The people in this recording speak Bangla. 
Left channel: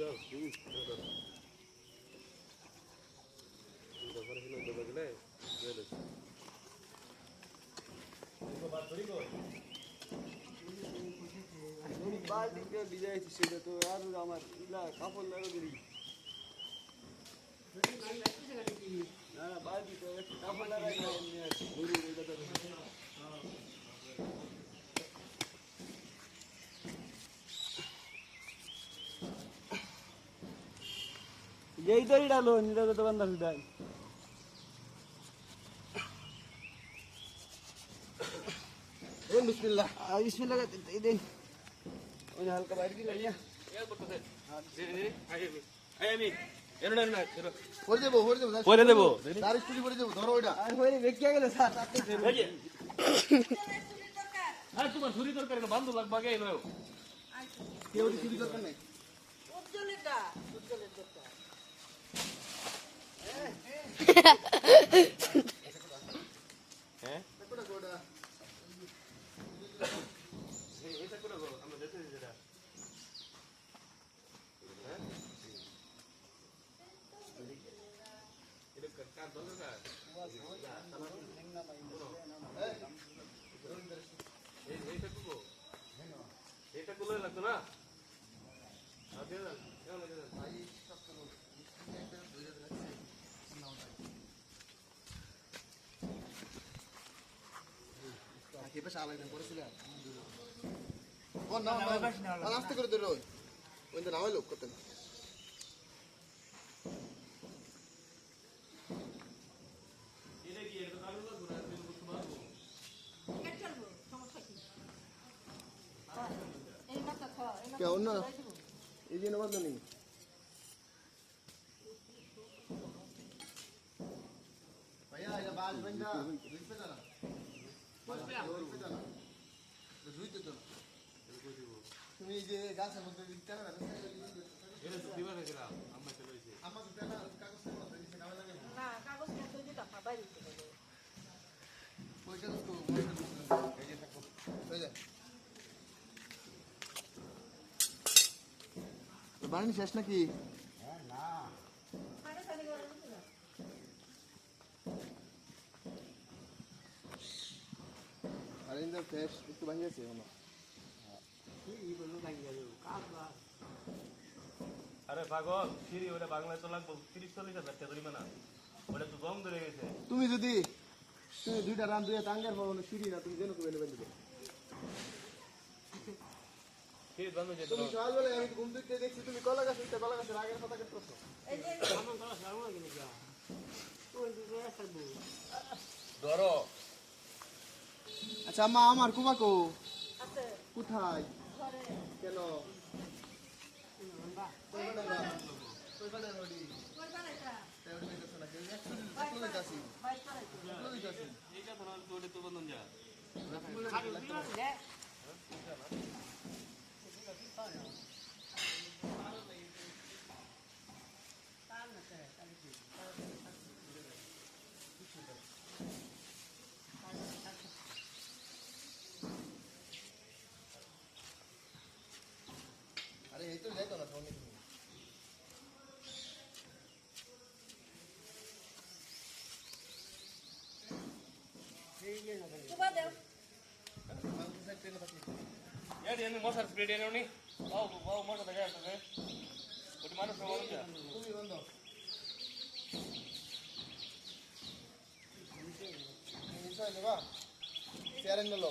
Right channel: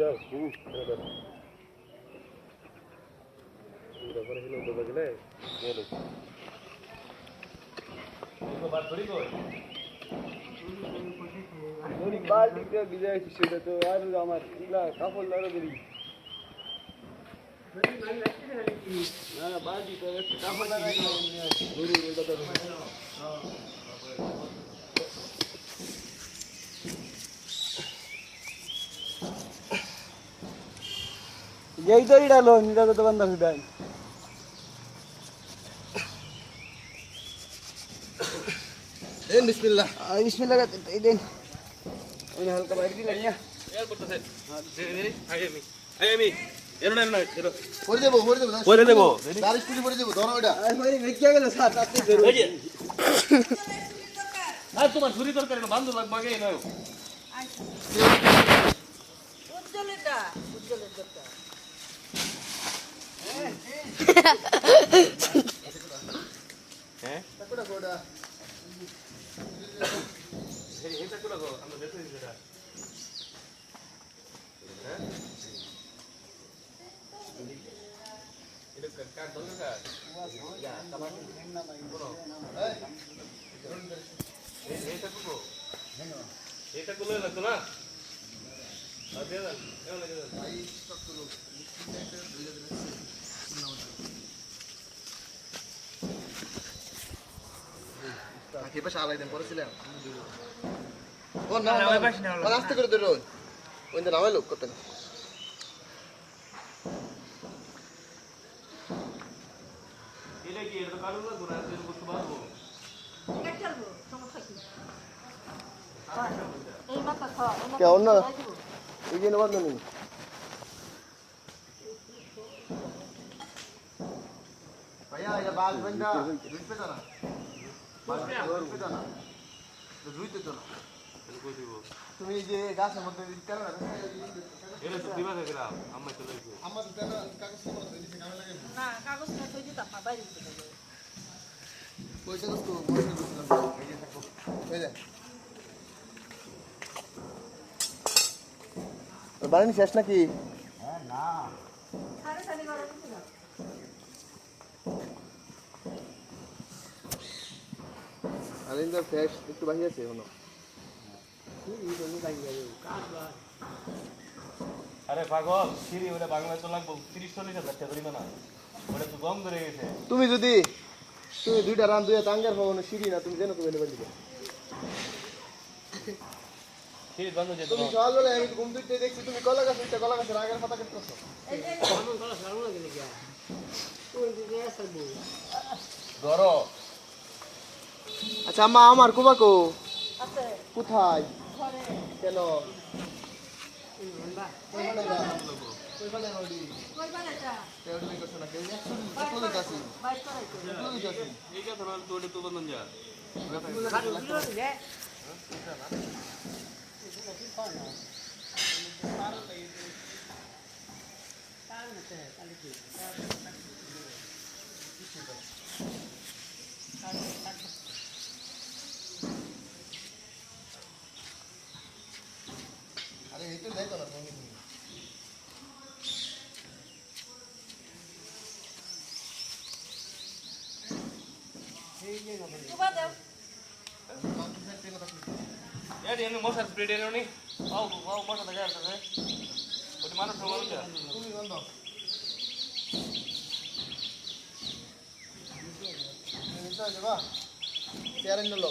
যাও তারপরে হিলো দেবে গেলে গেলে বাদ ধরি কই ধরি বালতিতে বিজয় সেটা তো আর আমার ইলা কাপড় লাগা ধরি না না বালতিতে কাপড় লাগা ধরি ওইটা তো यही तो ही डालो नीरा तो बंदा फिर ए बिस्मिल्लाह बिस्मिल्लाह का दिन उन्हें हल्का बाहर दी लड़ियां यार बोलता से धीरे धीरे आए मी एरोडा एरोडा एरो পরে দেব বারিশ পুরি পরে দেব ধরো এটা আই মই বেকিয়া গেল সাত আপনি ধরো ওই যে না তোমার ছুরি তরকারি না বান্ধব লাগবে আগে নয় উজ্জ্বলটা হ্যাঁ কোটা কোটা এটা কোলা গো আমরা দেখতে দিই এটা হ্যাঁ এটা কাট দঙ্গা কা ইয়া টমাটো নেমনা ভাই বলো এই এটা কোকো এটা কোলা লাগতো না আদে দাও কেমন লাগে ভাই সব করো আগে পাশে আলাই দেন পড়ছিলাম ও না না পাশে না রাস্তা করে ধরো ওই যে নামাই লোক করতেন এটা কি এটা কারণ না ঘোরা এর করতে পারবো এটা চলবো সমস্যা কি এই মাথা খাও কে অন্য এই যে নবাদ নেই ভাইয়া এটা বাল বন্ধা দুই পেটা না তুমি যে গাছের মধ্যে কেন বাড়ি শেষ নাকি না আলিন্দা ফ্রেশ একটু বাকি আছে এখনো আরে পাগল সিঁড়ি ওটা বাংলায় তো লাগবো 30-40 হাজার টাকা ধরিবে না ওটা তো গম ধরে গেছে তুমি দুইটা রান দুইটা টাঙ্গার পাবো না সিঁড়ি না তুমি জানো তো বেলে দিবে সিঁড়ি বন্ধ যেত তুমি চল বলে আমি ঘুম দিতে দেখছি তুমি কলা গাছের আগের পাতা কাটতেছো এই যে আমি কলা ছাড়বো না কেন তুই দিকে আসবো ধরো আচ্ছা আম্মা আমার কুবাকো আছে কোথায় ঘরে কেন কই বানাই রডি কই বানাইছা তেড়ি কই করছ না কেউ একটু কই কাছি বাইক করাইছো কই কাছি এই কা ধরো তোড়ে তো বন্ধন যা আরে এই তো দেখো না তুমি এই যে না সুবা দাও মাংস সেট করে রাখি यार ये मसाला स्प्रे देनो नी आओ मोटा लगा है ওই মানুষ সমাজ তুমি বন্ধ নিচে যাবা চেয়ারে নিলো